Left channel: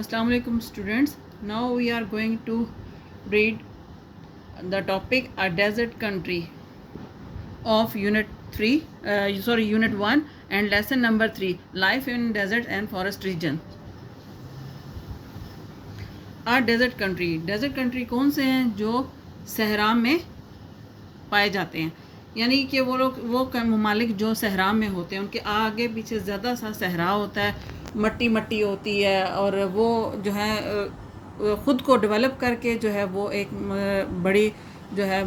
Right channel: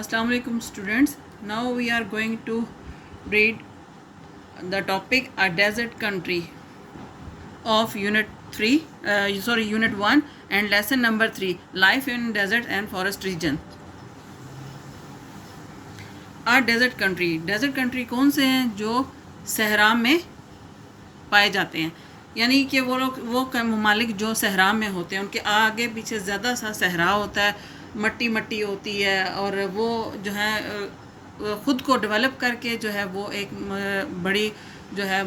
Assalamu alaikum students. Now we are going to read the topic a desert country of unit 1 and lesson number 3 life in desert and forest region. A desert country कौन से हैं जो सहरा में पाए जाते हैं, यानी कि वो ममालिक जो सहरा में होते हैं उनके आगे पीछे ज़्यादा सा सहरा होता है, मट्टी होती है और वो जो है ख़ुद को डेवलप करके जो है वो एक बड़ी जो है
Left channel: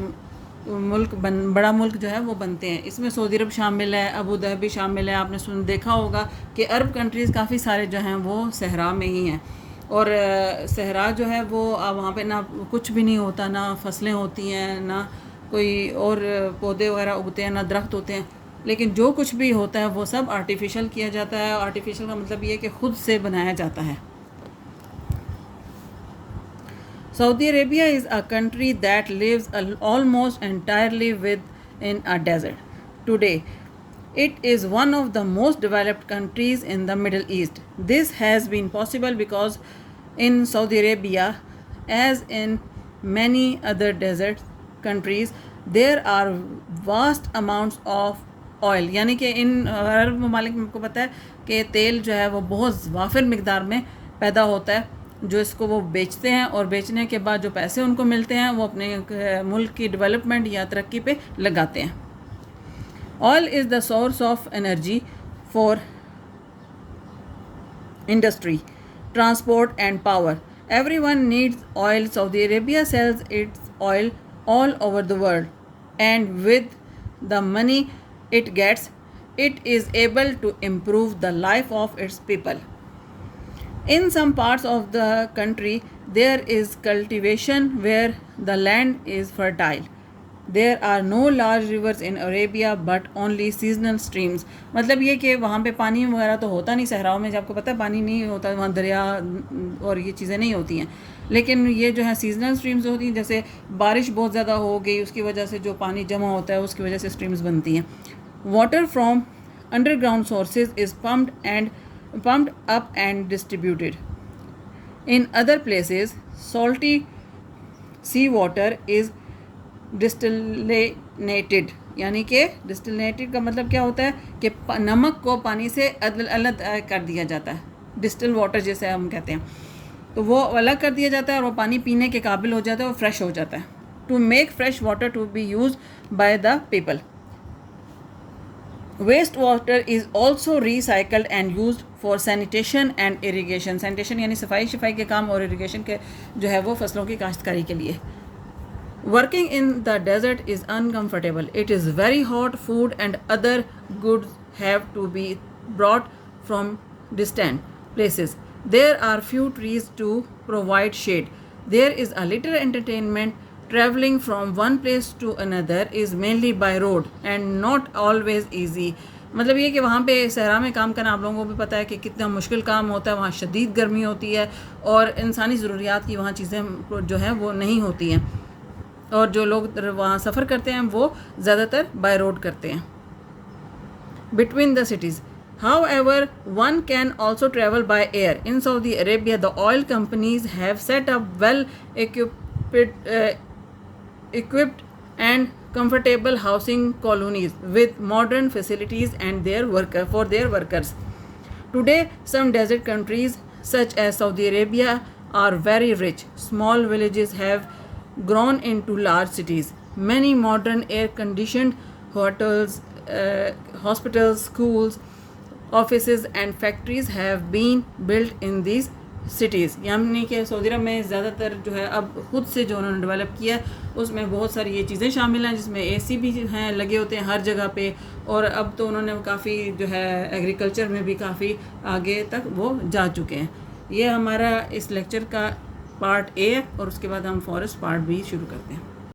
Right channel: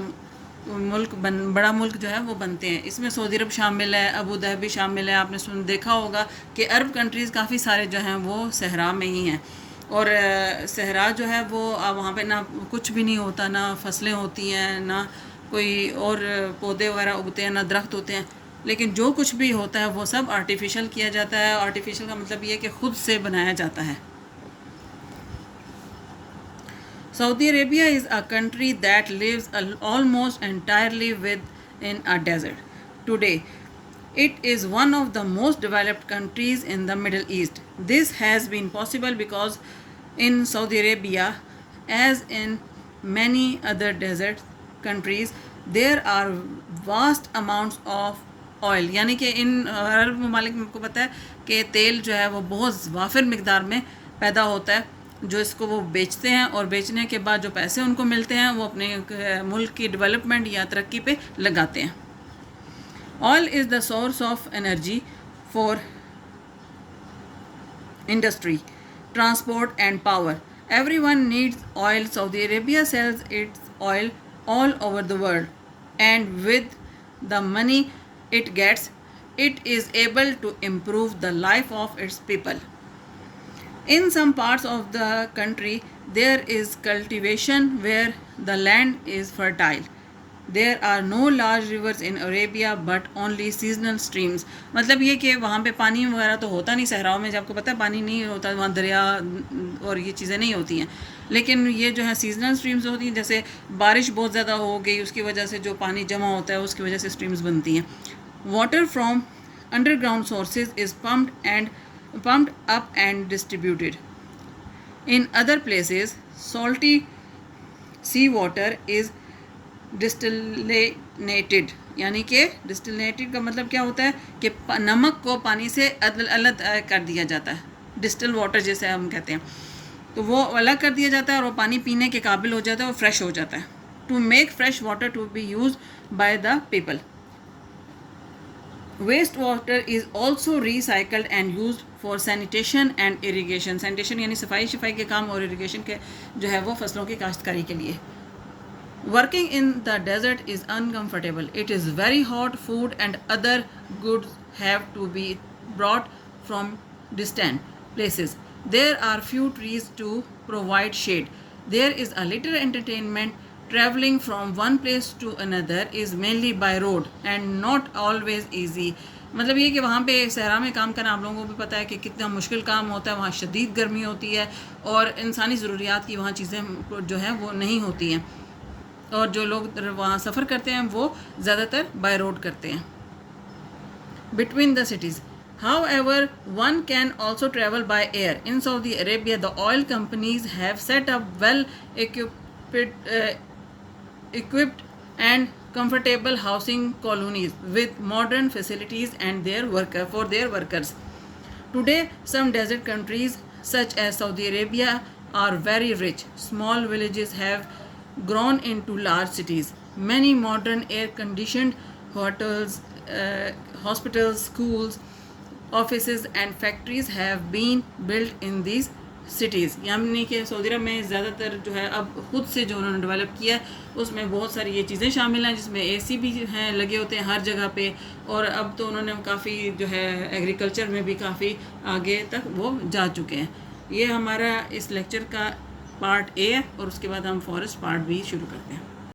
बड़ा मुल्क जो है वो बनते हैं। इसमें सऊदी अरब शामिल है, अबू धाबी शामिल है। आपने देखा होगा कि अरब कंट्रीज़ काफ़ी सारे जो हैं वो सहरा में ही हैं और सहरा जो है वो वहाँ पे ना कुछ भी नहीं होता, ना फसलें होती हैं, ना कोई और पौधे वगैरह उगते हैं, ना दरख्त होते हैं, लेकिन जो कुछ भी होता है वो सब आर्टिफिशियल किया जाता है। आर्टिफिशियल का मतलब ये है कि ख़ुद से बनाया जाता है। Saudi Arabia is a country that lives almost entirely within a desert. Today, it is one of the most developed countries in the Middle East. This has been possible because in Saudi Arabia, as in many other desert countries, there are vast amounts of oil, यानी कि इन अरब ममालिक में आपको पता है कि तेल जो है वो बहुत वाफिर मिकदार में पैदा होता है, जो इसको वो बेचते हैं और बेचने के बाद जो पैसे उनको मिलते हैं वो अपने मुल्क की डेवलपमेंट या तरक्की पे लगाते हैं। Oil is the source of energy for industry, transport and power. Everyone needs oil. Saudi Arabia sells its oil all over the world, and with the money it gets, it is able to improve the life of its people. In some parts of the country there is cultivation where the land is fertile. There are no large rivers in Arabia but only seasonal streams. मतलब ये कि वहाँ पे पानी वगैरह तो होता नहीं सहराओं में, जब आपको पता है पानी नहीं होता, वहाँ दरिया और ये चीज़ें नहीं होती हैं, लेकिन ये जो है सीजनल स्ट्रीम्स होती हैं। जैसे बारिश बहुत ज़्यादा हो गई, उसकी वजह से जो पानी जमा होता है उसकी वजह से स्ट्रीम्स बनती हैं। Water from underground sources is pumped up and distributed in other places. Salty sea water is distillated, यानी कि डिस्टिलेटेड का मतलब क्या होता है कि नमक को पानी से अलग कर दिया जाता है, डिस्टिल वाटर जैसे हम कहते हैं, तो वो अलग कर दिया जाता है और वो पानी पीने के काबिल हो जाता है और फ्रेश हो जाता है। To make fresh water to be use by the people. Waste water is also recycled and use for sanitation and irrigation. Sanitation यानी सफाई के काम और इरीगेशन के जो है वो फसलों की काश्तकारी के लिए। Working in the desert is uncomfortable. It is very hot. Food and other goods have to be brought from distant places. There are few trees to provide shade. There is a little entertainment. Traveling from one place to another is mainly by road and not always easy. मतलब ये कि वहाँ पे सहरा में काम करना आप लोगों को भी पता है कि कितना मुश्किल काम होता है। वहाँ शदीद गर्मी होती है और इंसानी ज़रूरियात की वहाँ चीज़ें जो हैं वो नहीं होती हैं, और जो लोग वहाँ सफ़र करते हैं वो ज़्यादातर बाय रोड करते हैं। Between the cities, however, one can also travel by air. In Saudi Arabia, the oil companies have set up well equipped and comfortable housing colonies with modern facilities and for their workers. Today, some desert countries such as Saudi Arabia are very rich. Small villages have grown into large cities. Many modern air-conditioned hotels, hospitals, schools, offices and factories have been built in these cities. यानी कि Saudi अरब में ज़्यादातर जो है अब खुद से जो उन्होंने डेवलप किया है उसमें बहुत सारी ये चीज़ें शामिल हैं, जिसमें AC भी हैं लगे होते हैं हर जगह पे, और अब तो उन्होंने काफ़ी जो है एग्रीकल्चर में भी काफ़ी आगे तक वो जा चुके हैं। ये हमारा इस लेक्चर का पार्ट A है और उसके बाद हम फॉरेस्ट पार्ट B शुरू करते हैं।